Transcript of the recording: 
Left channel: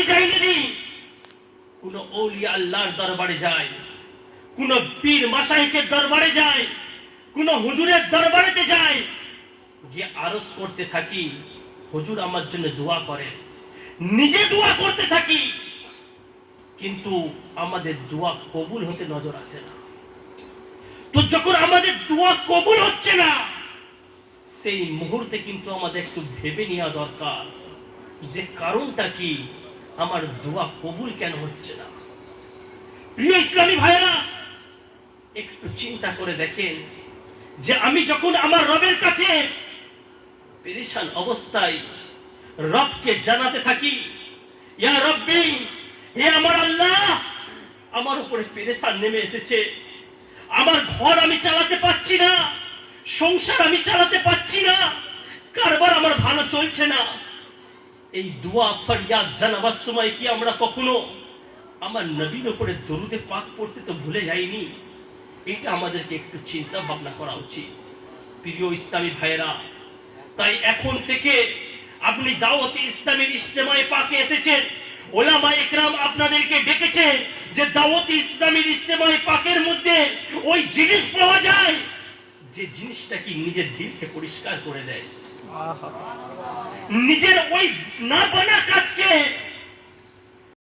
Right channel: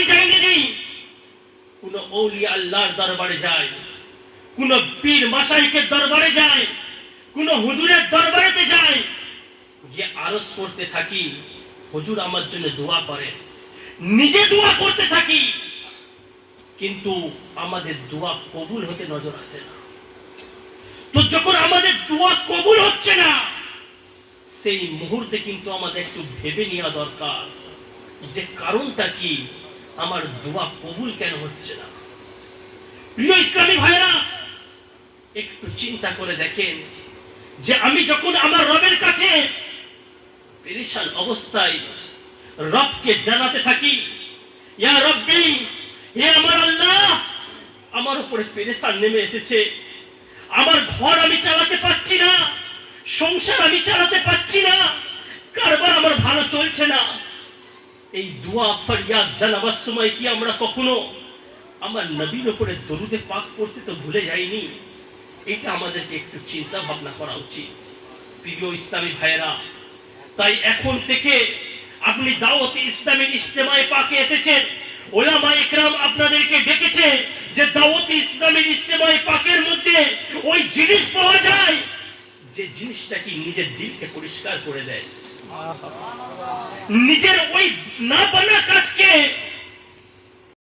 হাজি যায়নি, কোন আউলিয়া আল্লাহর দরবারে যায়, কোন পীর মাশাইখের দরবারে যায়, কোন হুজুরের দরবারেতে যায়, যে আরজ করতে থাকি হুজুর আমার জন্য দোয়া করে, নিজে দোয়া করতে থাকি, কিন্তু আমাদের দোয়া কবুল হতে নজর আসে না। তো যখন আমাদের দোয়া কবুল হচ্ছে না, সেই মুহূর্তে কিন্তু আমাদের একটু ভেবে নেওয়া দরকার যে কারণটা কি, আমার দোয়া কবুল কেন হচ্ছে না। প্রিয় ইসলামী ভাইরা, একটু চিন্তা করে দেখেন যে আমি যখন আমার রবের কাছে পেরেশান অবস্থায় রবকে জানাতে থাকি, ইয়া রব্বি, হে আমার আল্লাহ, আমার উপরে পেরেশান নেমে এসেছে, আমার ঘর আমি চালাতে পারছি না, সংসার আমি চালাতে পারছি না, কারবার আমার ভালো চলছে না, এই দোয়া ফরিয়াদ জানাবার সময় কি আমরা কখনো আমার নবীর উপরে দরুদে পাক পড়তে তো ভুলে যাইনি? এটা আমাদেরকে একটু চিন্তা ভাবনা করা উচিত। প্রিয় ইসলামী ভাইরা, তাই এখন থেকে আপনি দাওয়াতে ইসলামের ইজতেমায়ে পাকে এসেছেন, ওলামা ইকরাম আপনাদেরকে ডেকেছে যে দাওয়াতে ইসলামের ইজতেমায়ে পাকের মধ্যে ওই জিনিস পাওয়া যায় যে জিনিসটা কি নিজের দিলকে পরিষ্কার করে দেয়, নিজের ওই না বানা কাজকে